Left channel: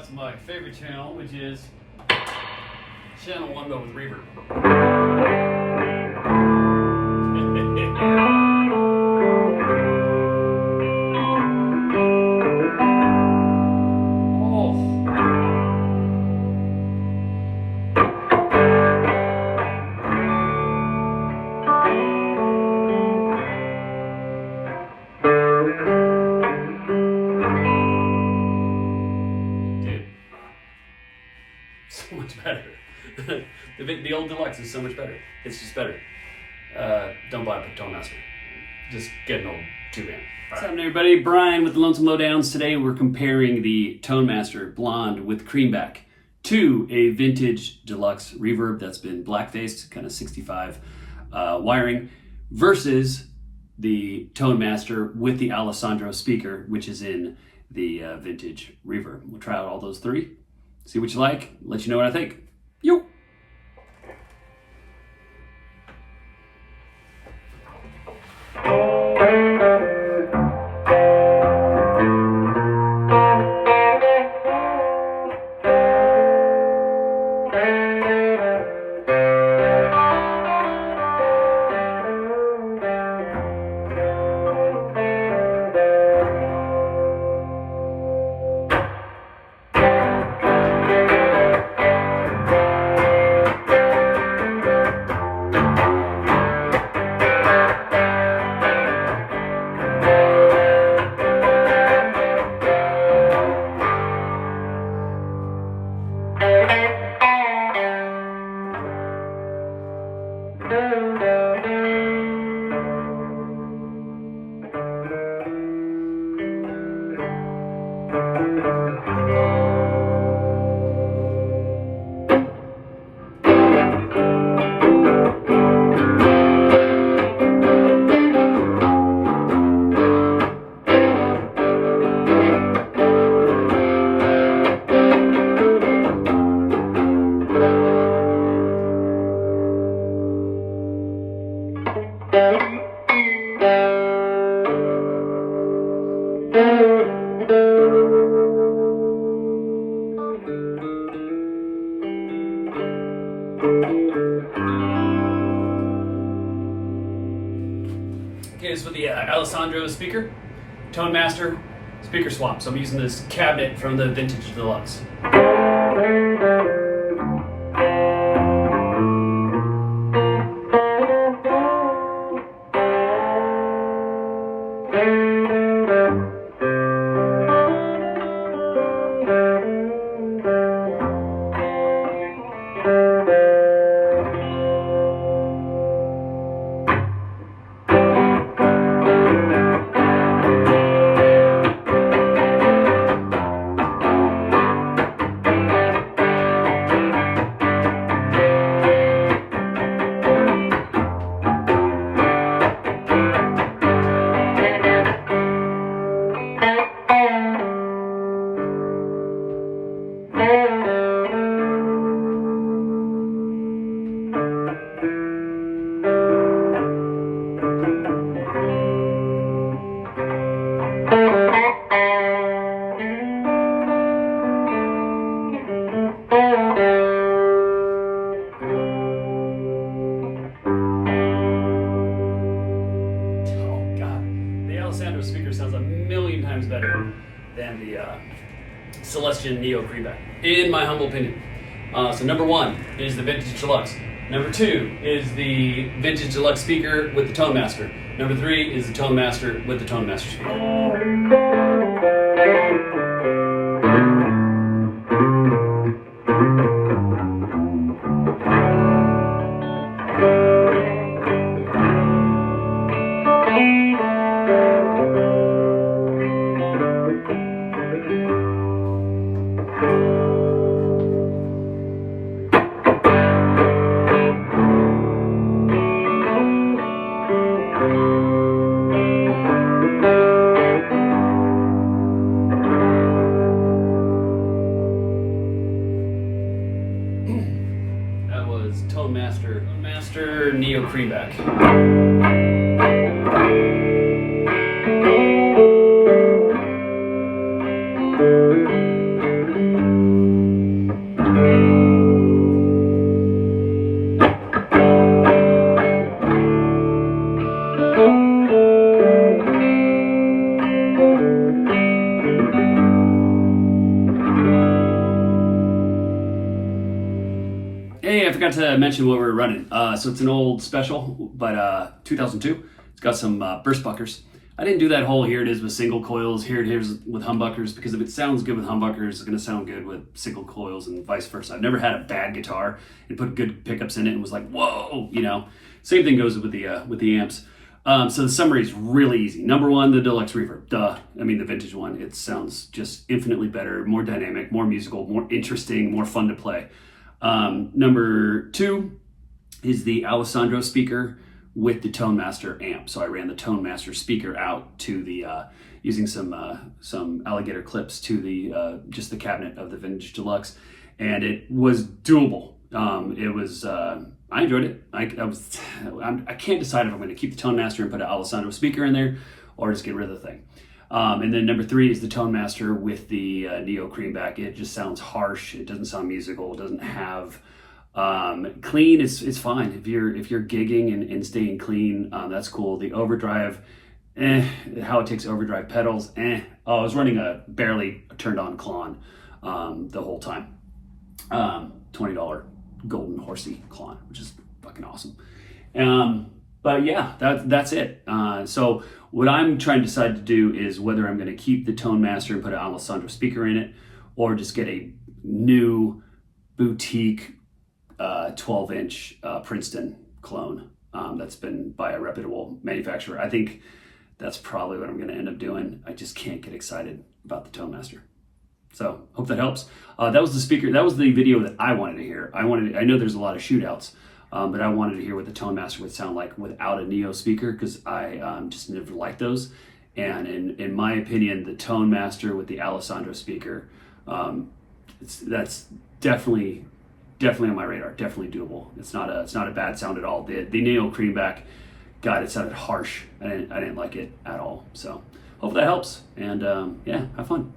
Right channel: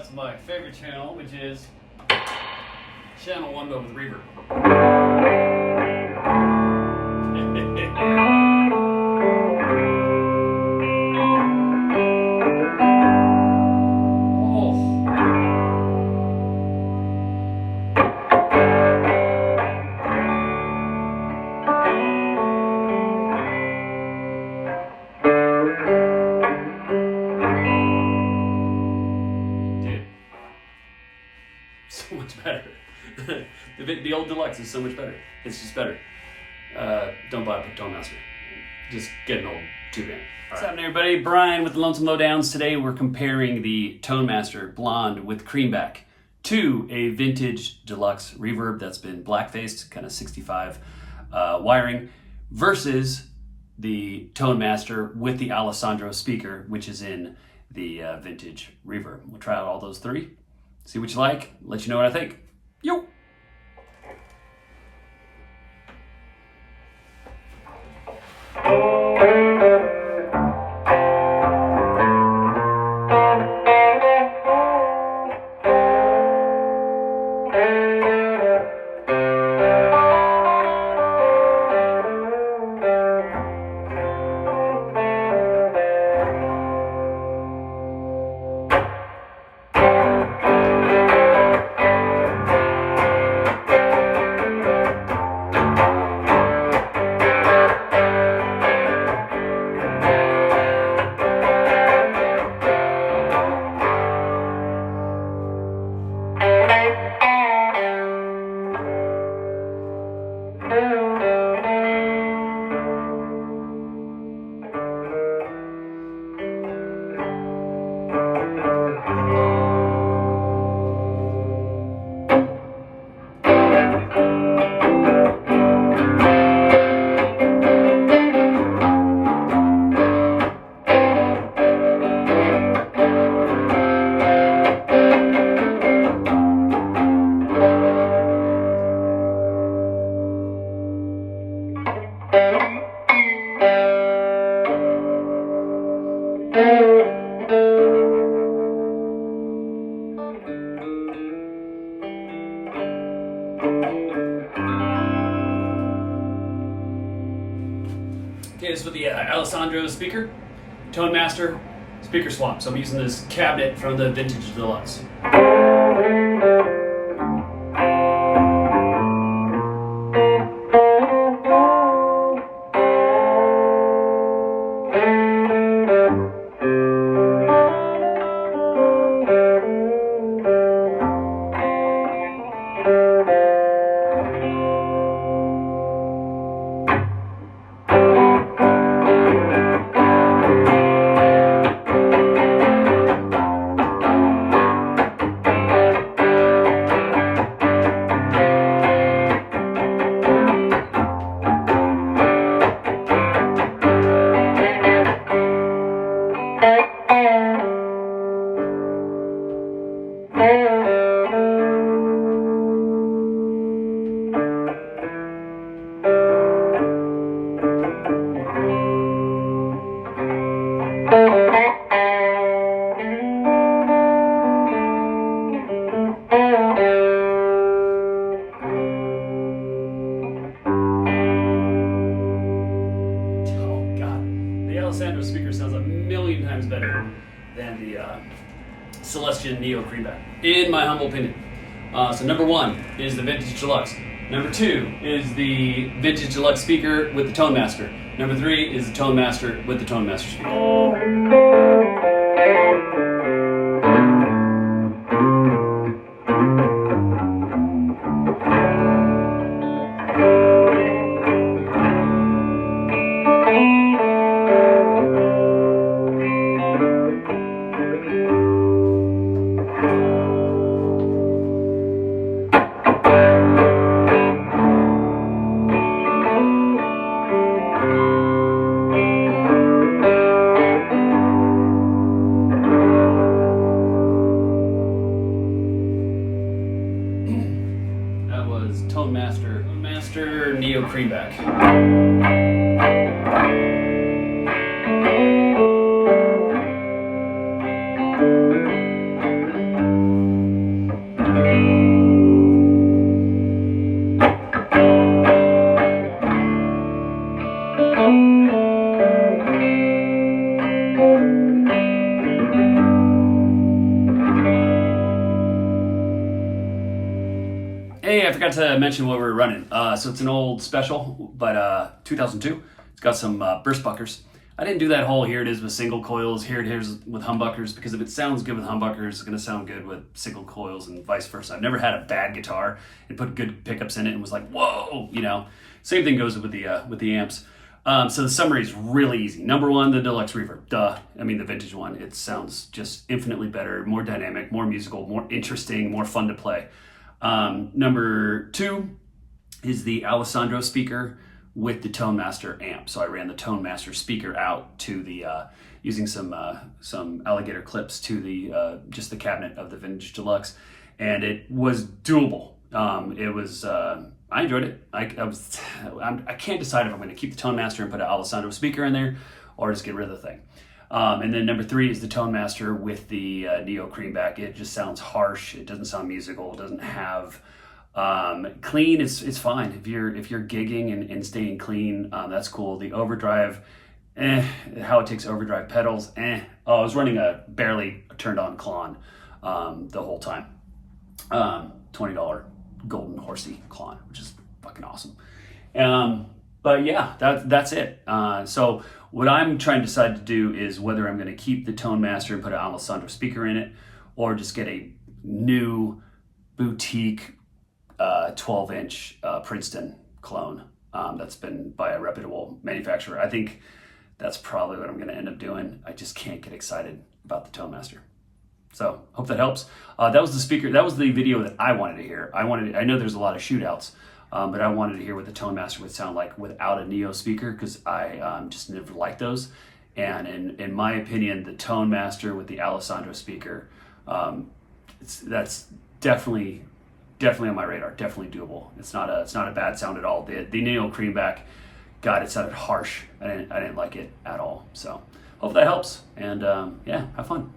Deluxe and my favorite channel, which is channel 1 but with reverb. So much better. The old Deluxe is so much better. It's just better. Don't buy a Tonemaster. Just get an old 2-band. What's happening, everybody? Brian with the Lonesome Lowdowns. Today we're comparing the Tonemaster Blonde with Creamback to a vintage Deluxe Reverb that's been black-faced, kind of 65 wiring, versus the Tonemaster with the Alessandro speaker, which is in the vintage Reverb. We'll try out all those three. See what you like, let you know what I think. Yo! Okay, this is with the Alessandro speaker, Tonemaster speaker swap. So I'm using this cabinet from the vintage Deluxe. Alessandro speaker sounds a million times better than the Celestian Neo Creamback, in my humble opinion. So number 1 is the vintage Deluxe. Number 2 is the vintage Deluxe speaker with the Tonemaster. Number 3 is the Tonemaster with the Tonemaster speaker. Tonemaster Neo Creamback. to mention what we're running. So it's an old special, but 2002. It's got some burst buckers. I didn't do that whole here it is with single coils, here it is with humbuckers, because if it sounds good with humbuckers, it's going to sound good with single coils and vice versa. I've never had a bad guitar and put good pickups in it and was like, whoa, you know. Same thing goes with the amps. So the summary is really easy. Number one, the Deluxe Reverb. Duh. I mean, the vintage one. It sounds just infinitely better, more dynamic, more musical, more interesting, more fun to play. Number two is the Alessandro speaker with the Tonemaster amp. So I ran the Tonemaster speaker out to the, using some alligator clips to the, just the cabinet of the vintage Deluxe. And it was doable. It was, I enjoyed it. I can't decide if I'm going to keep the Tonemaster and put an Alessandro speaker in there or just get rid of the thing. And then number three is the Tonemaster with the Neo Creamback. It just sounds harsh. It doesn't sound musical. It doesn't have clean. It's fine if you're gigging and staying clean. That's cool. The overdrive, how it takes overdrive pedals. Oh, I was running a barely turned on Klon the whole time. $20 golden horsey Klon, which is fucking awesome. But yeah, that's it. So what I'm trying to decide to do is whether I'm going to keep the Tonemaster and put an Alessandro speaker in it, or just get a new boutique 12-inch Princeton clone that's been by a reputable manufacturer. I think that's probably what I'm going to end up doing. I just can't get excited about the Tonemaster. So hope that helps. That was the speaker. That was the video that I wanted to hear. I know there's a lot of shootouts, but I wanted to hear what the Tonemaster would sound like without a Neo speaker, because I just never liked those. And in my opinion, the Tonemaster with the Alessandro speaker, that's definitely on my radar. Definitely doable. It's not a bad sound at all. The Neo Creamback, God, it sounded harsh. I didn't like it at all. So hope that helps. And yeah, have fun.